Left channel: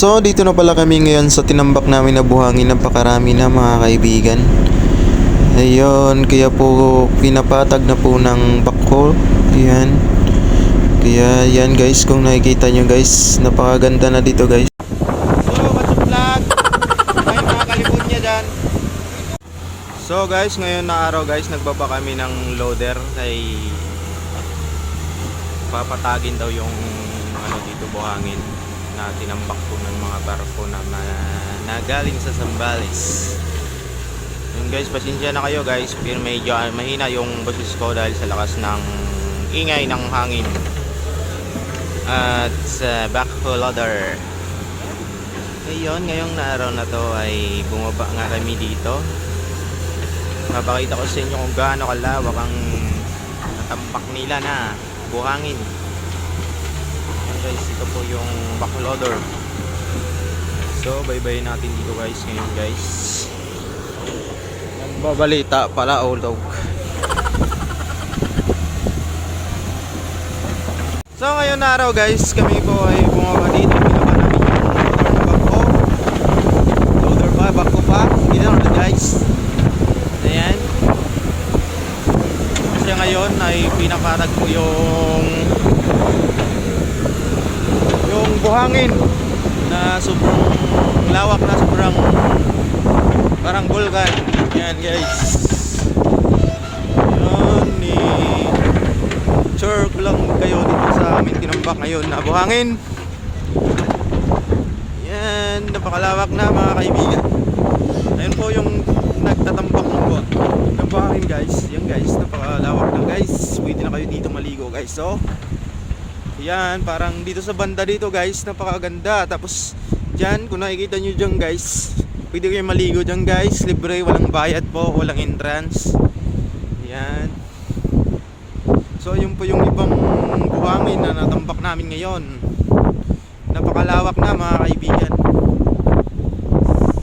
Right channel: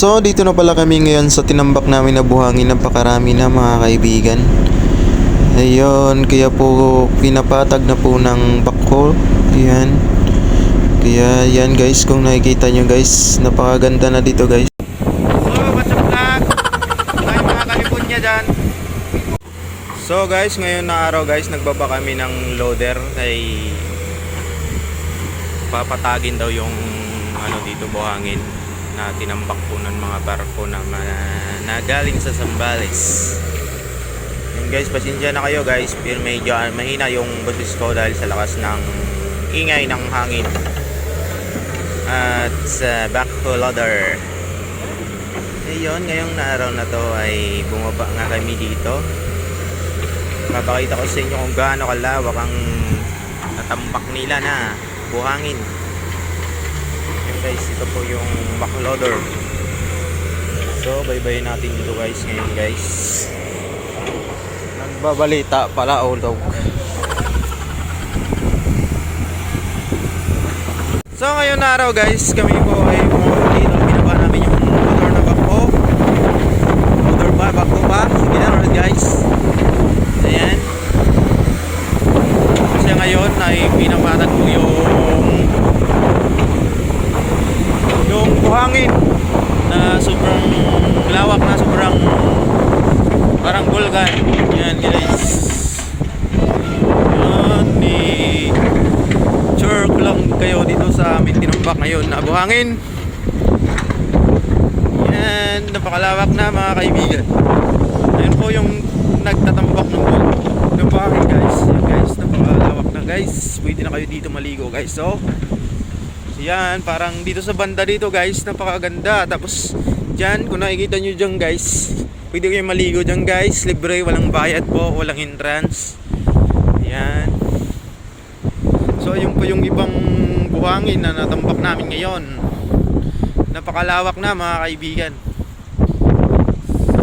So, dito na pala kami ngayon sa tinambak namin na buhangin. Napakarami na mga kaibigan. Ayun, kaya po pinapatag na po ng bako. Ayan. Kaya yan guys, kung nakikita nyo guys, napakaganda na dito guys. Hello, what's up vlog? Mga kalipunya dyan. So guys, ngayon na araw guys, nagbaba kami ng loader kay papatagin daw yung ano dito buhangin na tinambak po ng mga barko na, ma- na galing sa Zambales. Yan guys, pasensya na kayo guys, pero medyo ah, mahina yung boses ko dahil sa lakas ng ingay ng hangin. At sa backhoe loader. Ngayon, ngayong na araw na to ay bumaba nga kami dito. Papakita ko sa inyo kung gaano kalawak ang natambak nila na buhangin. Guys, ito po yung backloader. So, baybayin natin dito guys ngayon guys. Nagbabalita pala ulog. So ngayon na araw guys, kami po ay bumaba dito. Binaba namin yung motor na bako. Loader pa, bako pa. Sige na ulit guys. Ayan. Kasi ngayon ay pinapatag ko yung yung buhangin na sobrang lawak na sobrang parang gulgan. Yan guys. Yan ni sure lang kayo dito sa amin tinambak ngayon na buhangin. Yan, napakalawak na mga kaibigan. Ayun po yung nagtatambak ng buhok. Ng buhangin guys. Yan guys, napakalawak na guys. Pwede na kayo dito maligo guys. So, yan, parang dito sa banda dito guys, napakaganda. Tapos, dyan, kung nakikita nyo dyan guys, pwede kayo maligo dyan guys. Libre, walang bayad po, walang entrance. Yan. So yun po yung ibang buhangin na natambak namin ngayon. Napakalawak na mga kaibigan.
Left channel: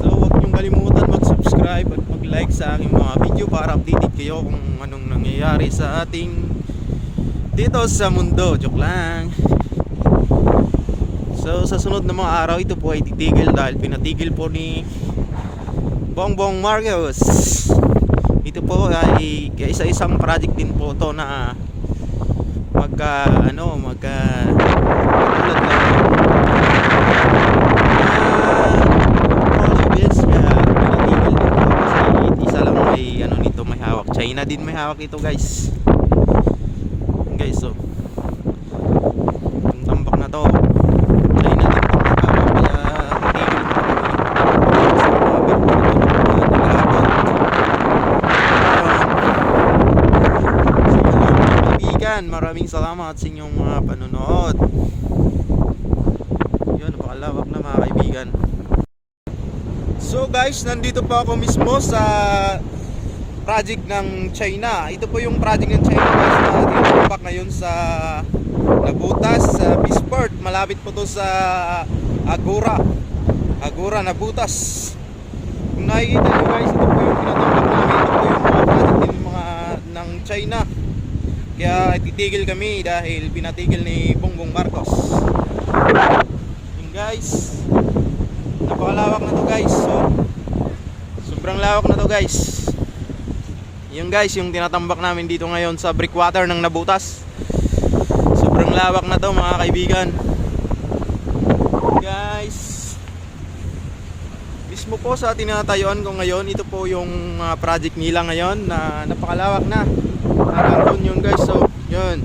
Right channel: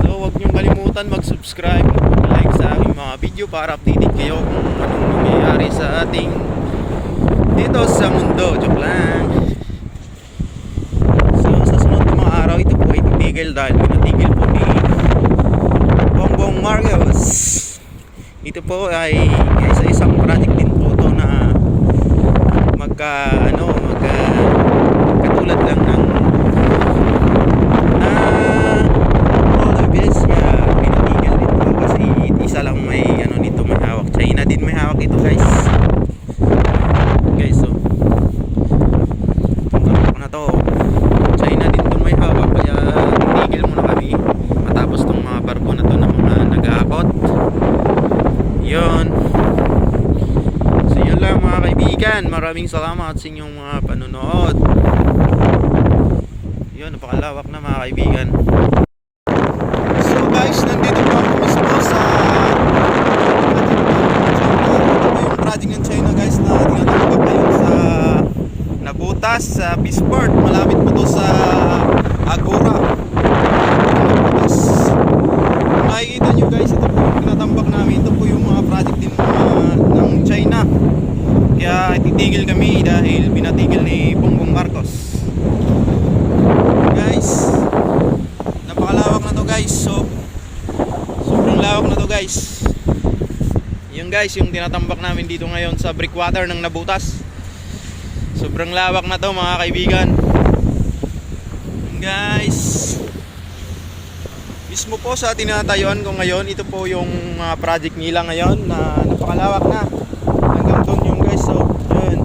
So huwag niyong kalimutan mag-subscribe at like sa aking mga video para updated kayo kung anong nangyayari sa ating dito sa mundo. Joke lang. So sa sunod na mga araw ito po ay titigil dahil pinatigil po ni Bongbong Marcos. Ito po ay isa isang project din po to na magka ano magka katulad lang na all of this nga pinatigil din po kasi isa lang may ano nito may hawak China din may hawak ito guys guys so itong tambak na to China din po may hawak kaya tinigil mo kami tapos ng mga barko na to na mga nag-aabot yun So yun lang mga kaibigan, maraming salamat sa inyong mga panonood. Yun, napakalawak na mga kaibigan. So guys, nandito po ako mismo sa project ng China. Ito po yung project ng China guys na tinatambak ngayon sa Nabutas, sa Peaceport. Malapit po to sa Agora. Agora, Nabutas. Makikita nyo guys, ito po yung tinatambak namin. Ito po yung mga project din mga, ng China. Kaya titigil kami dahil binatigil ni Bongbong Marcos. Guys, napakalawak na to guys. So, sobrang lawak na to guys. Yung guys, yung tinatambak namin dito ngayon sa breakwater ng Nabutas. Sobrang lawak na to mga kaibigan. Guys, mismo po sa tinatayuan ko ngayon, ito po yung ah, project nila ngayon na napakalawak na. Doon yung guys, so yun.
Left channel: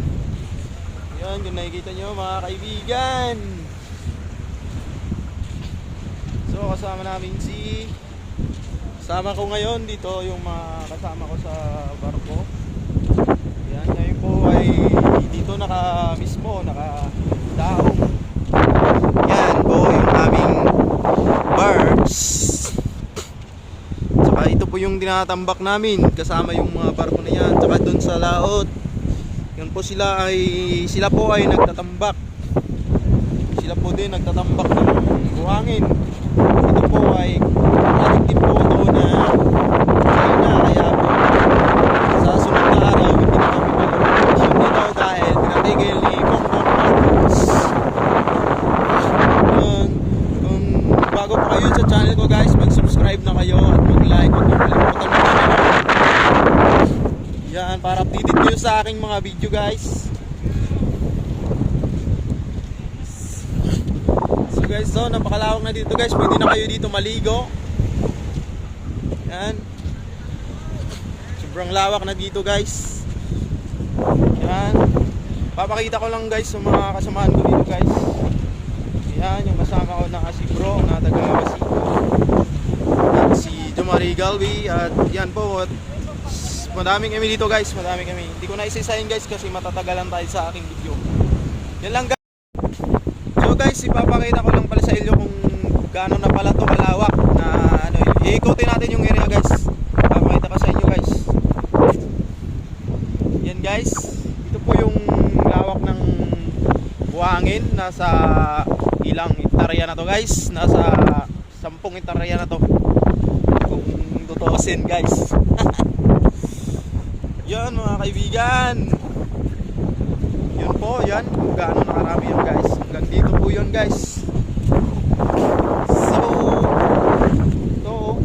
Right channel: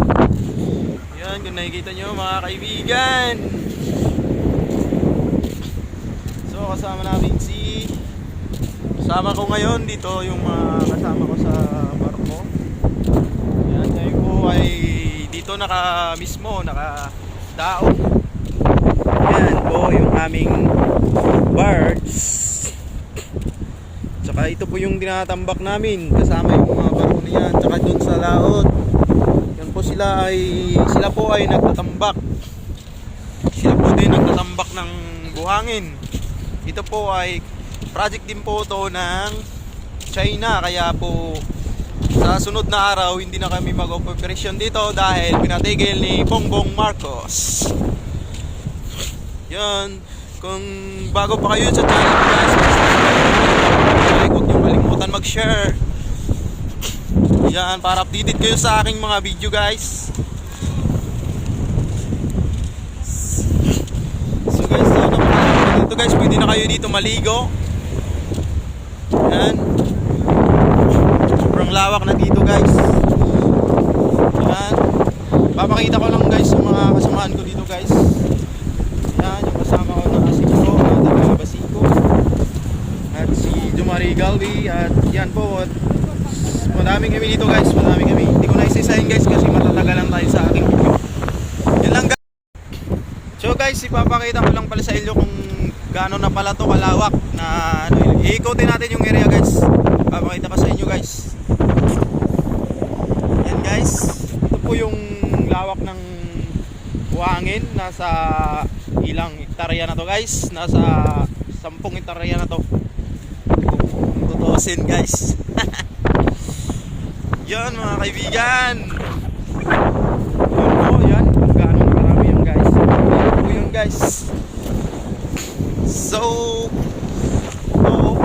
Yun, kung nakikita nyo mga kaibigan. So kasama namin si kasama ko ngayon dito yung mga kasama ko sa barko. Yan, ngayon po ay dito naka mismo, naka daong. Yan po yung aming birds. Tsaka ito po yung tinatambak namin kasama yung mga barko na yan. Tsaka doon sa laot. Yan po sila ay sila po ay nagtatambak. Sila po din nagtatambak ng buhangin. Ito po ay project din po to na China kaya po sa sunod na araw hindi na kami mag-operasyon dito dahil pinatigil ni Bongbong Marcos. Yun, kung bago pa kayo sa channel ko guys, subscribe kayo. Huwag niyo. Yan, para updated kayo sa aking mga video guys. So guys, so napakalawak na dito guys, pwede na kayo dito maligo. Yan. Sobrang lawak na dito guys. Yan. Papakita ko lang guys yung mga kasamahan ko dito guys. Yan, yung kasama ko na kasiko, na si Jumari Galvi at yan po. At madaming kami dito guys, madaming kami. Hindi ko na isa-isahin guys kasi matatagalan tayo sa aking. Yan lang guys. So guys, ipapakita ko lang pala sa inyo kung gaano na pala to kalawak na ano, iikotin natin yung area guys. Papakita ko sa inyo guys. Yan guys, ito po yung lawak ng buhangin nasa ilang hektarya na to guys. Nasa 10 hektarya na to. Tutusin guys. yan mga kaibigan. Yun po, yan. Kung gaano nakarami yun guys. Dito po yun guys. So, yung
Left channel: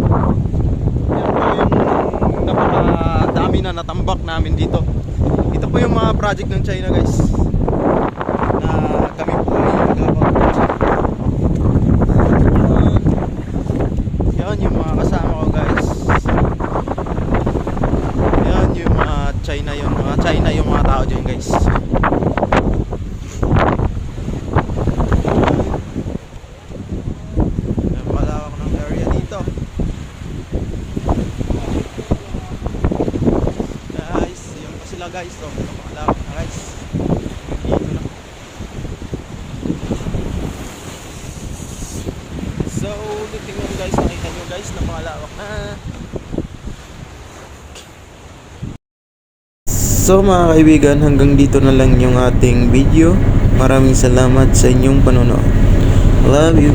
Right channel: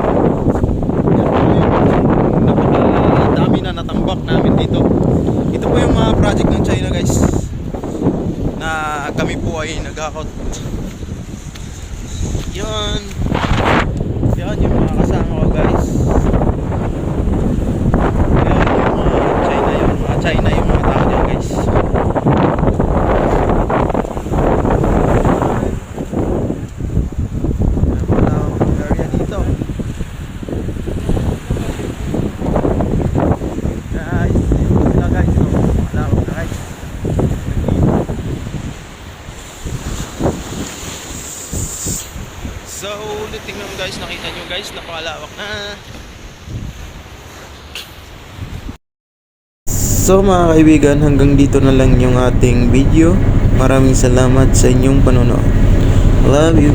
napakadami na natambak namin dito. Ito po yung mga project ng China guys. Na kami po ay nag-akot. Yan. Yan yung mga kasama ko guys. Yan yung mga China mga China yung mga tao dyan guys. So, na. So, tingnan guys, nakita nyo guys, napakalawak na. So mga kaibigan, hanggang dito na lang yung ating video. Maraming salamat sa inyong panonood. Love you.